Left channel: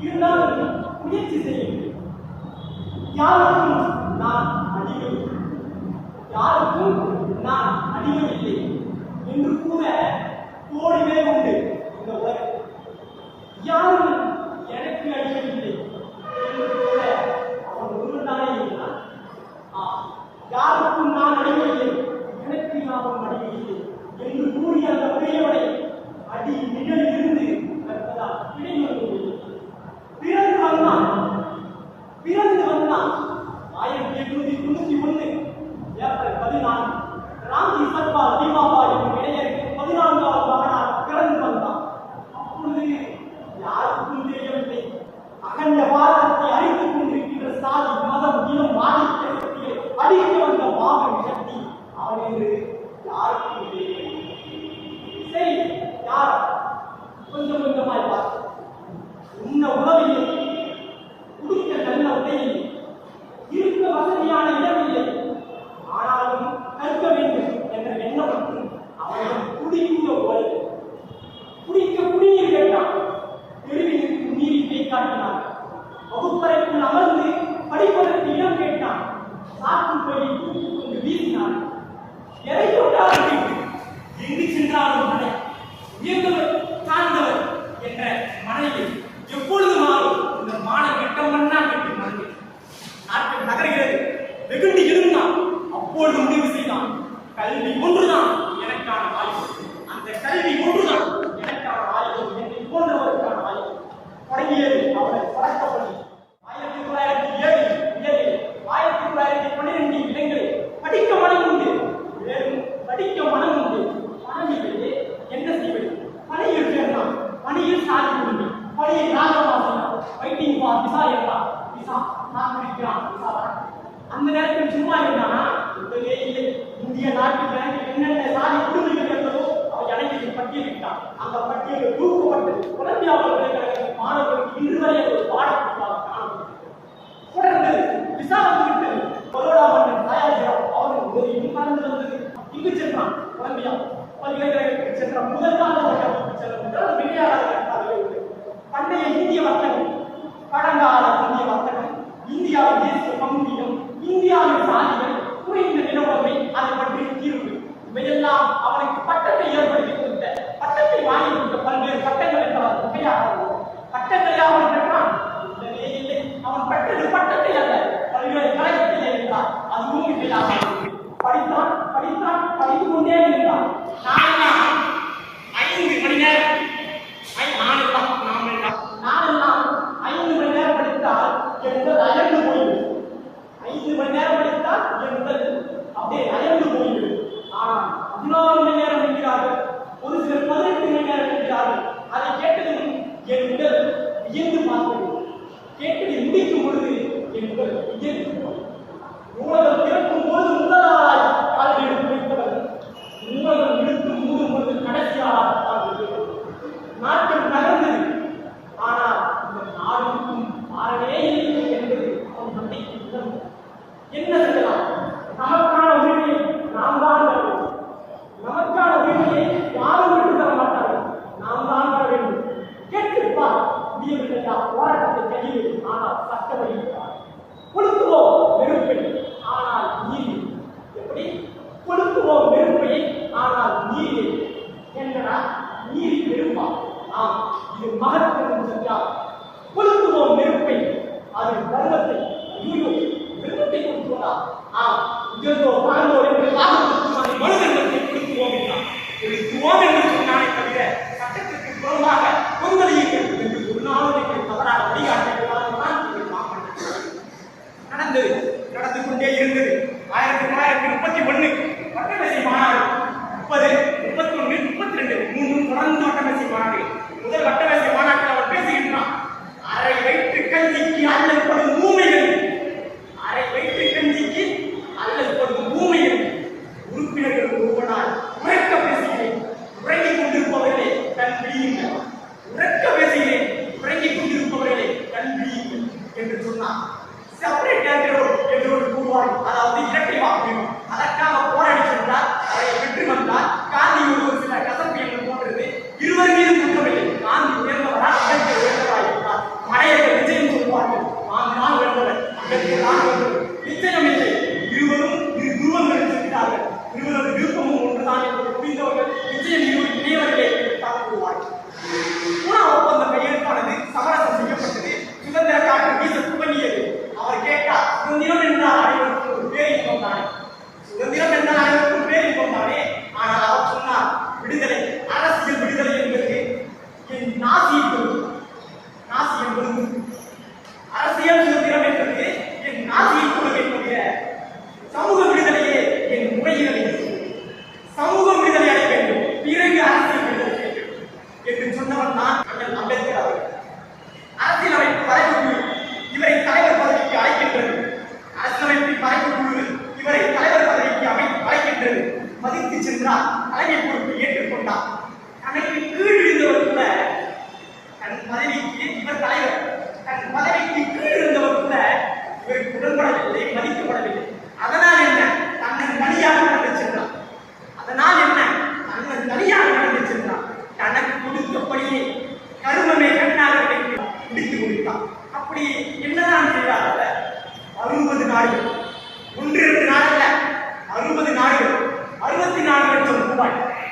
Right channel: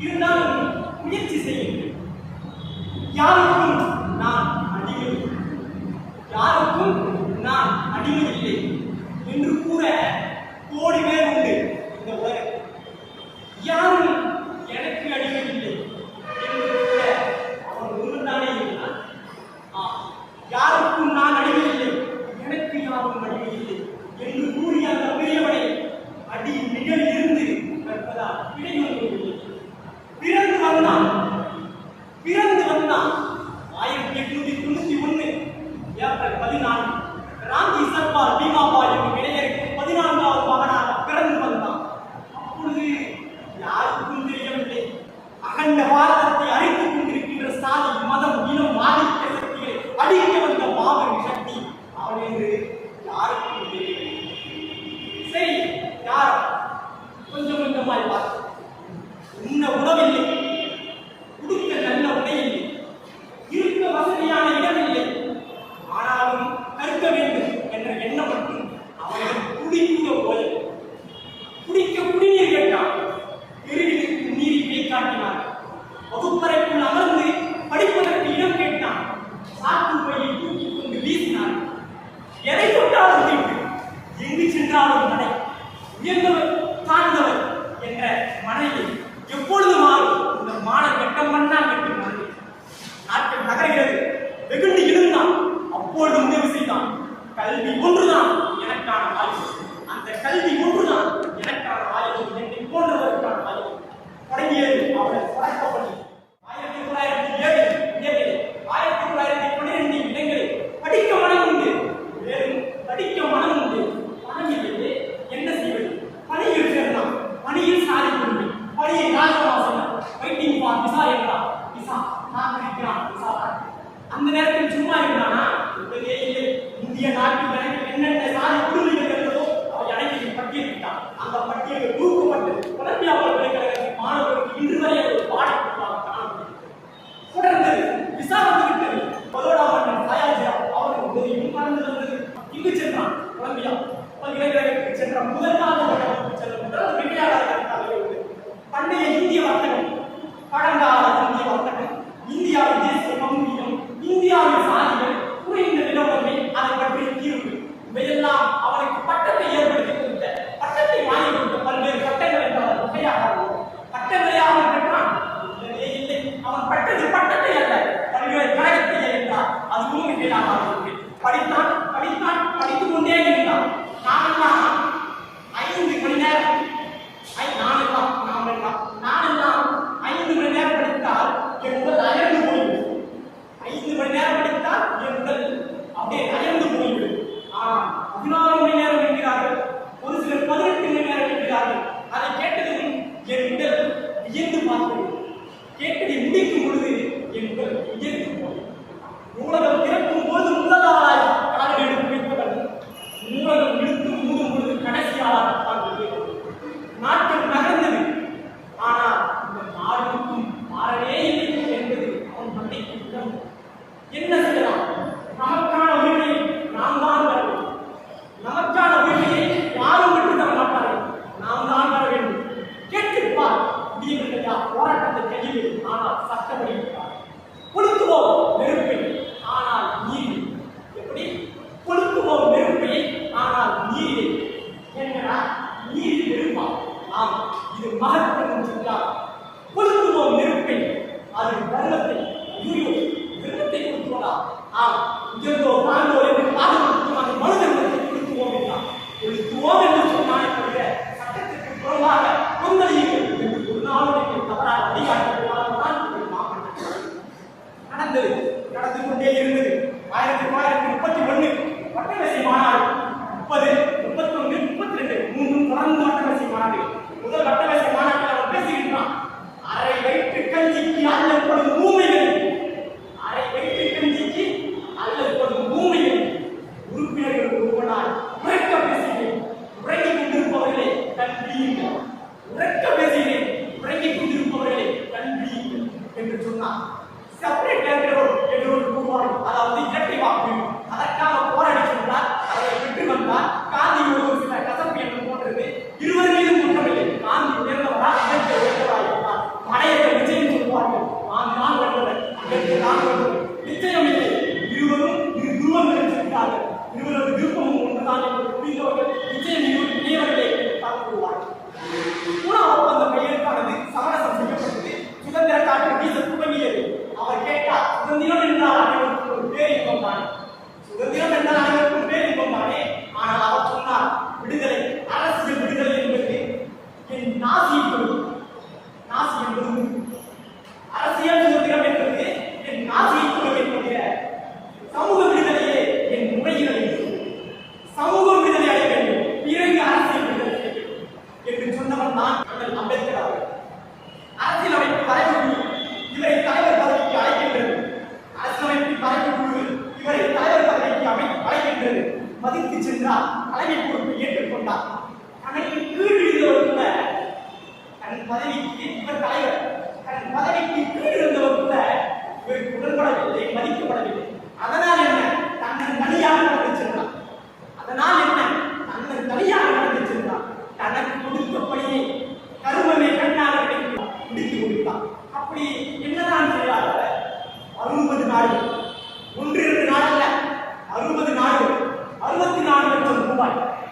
இருந்தாலும் முயற்சி செய்யுங்கள் யாருக்கும் நான் அடியவில்லை யாருக்கும் நான் அடியவில்லை என்று கூற கோடி பேர் உண்டு இந்த உலகம் யாரும் agora வட்டம் பண்ணா கட்டி மதுரை நாட்கள் நகர்கிறது. வெகுண்டு எழுந்தான் அப்பொழுது முடிவு செய்தான். கல்வி ஒன்றுதான் எனக்கான வாய்ப்பு. அந்த கல்வி ஒன்று போராட்டத்தை கையில் ஆனால் சட்டப்படி முடித்துவோம் trabalho.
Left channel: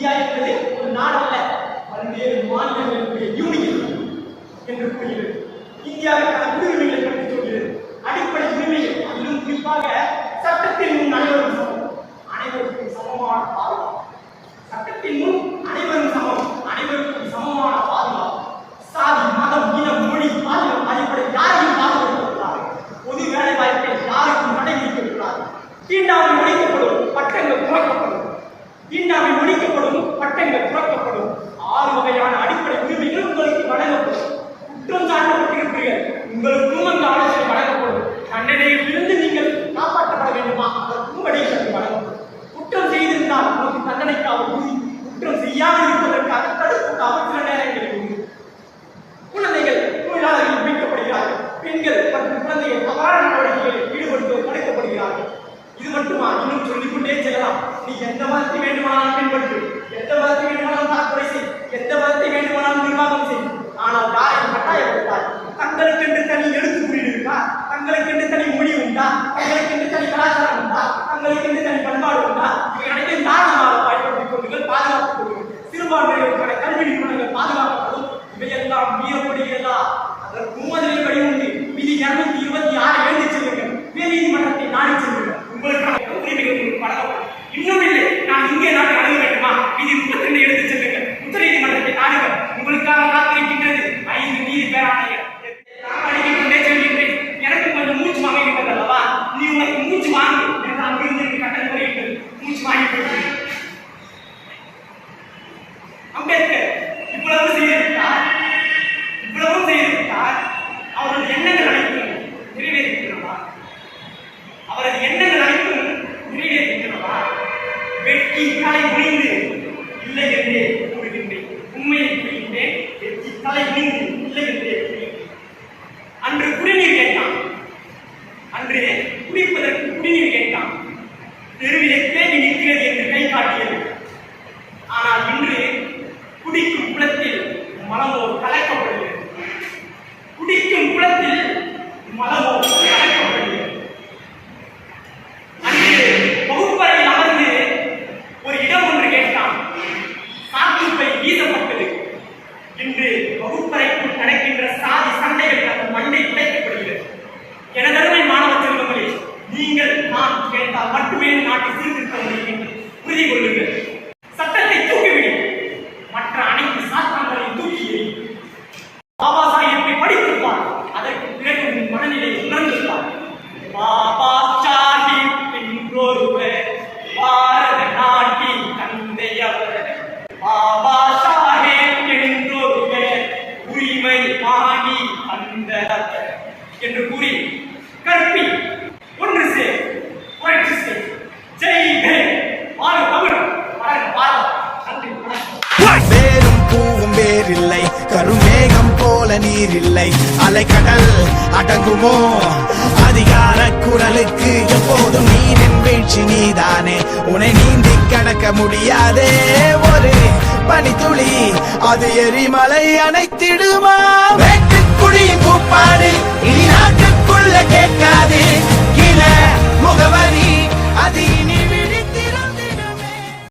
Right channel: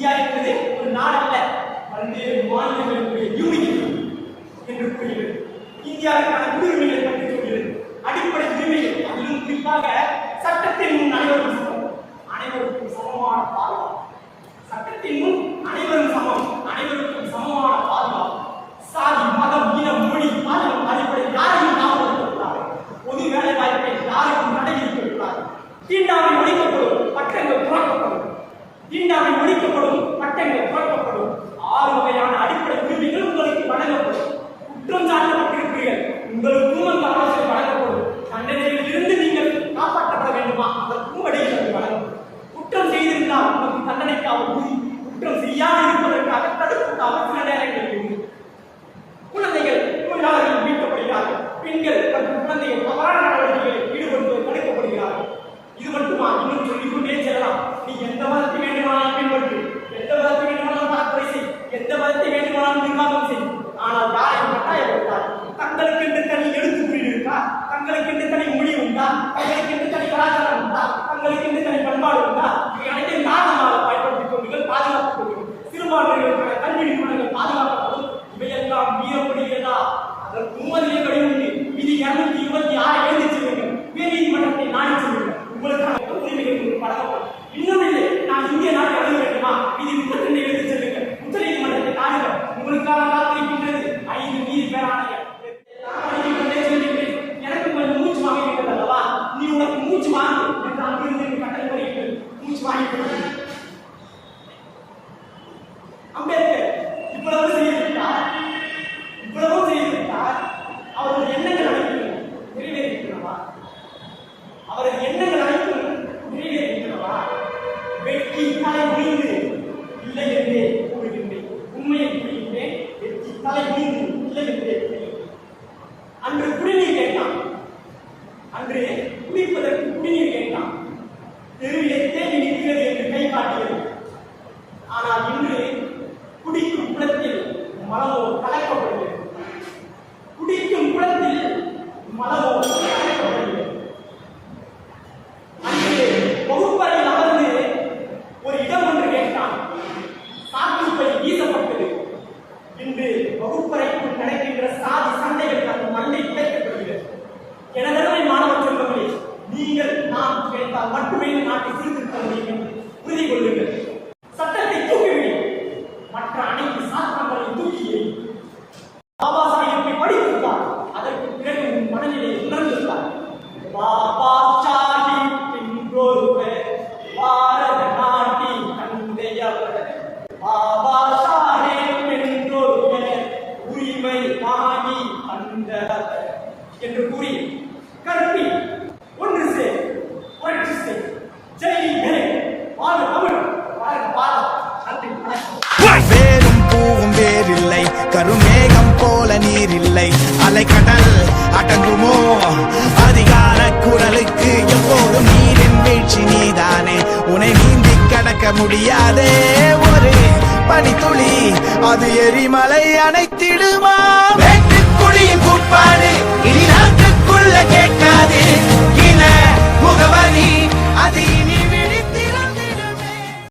இந்தியா என்பது ஒரு நாடு அல்ல பல்வேறு மாநிலங்களுடைய யூனியன் என்று கூறுகிறது. இந்தியாவிற்கான உரிமைகளை பற்றி சொல்கிறது. அடிப்படை உரிமைகள் அதிலும் குறிப்பாக சட்டத்தில் முன் அனைவரும் Hay quienes están. அவரது எண்ணம் பாபா கருமேகம் போல நீரில்லை. அலைக்கடல் அடங்குமோ? அதிகார குரலுக்கு எப்போதும் நீரின் வீழ்ச்சி நீதானே. உன்னை நீந்தி கடக்க முடியாதே ஒரு பனித்துளி அது எரிமலை அணைத்திடுமா? வேட்டுக்குடியின் கூப்பாடு இனி நாட்டுக்குள்ள கேட்காது. இன முகவரி அது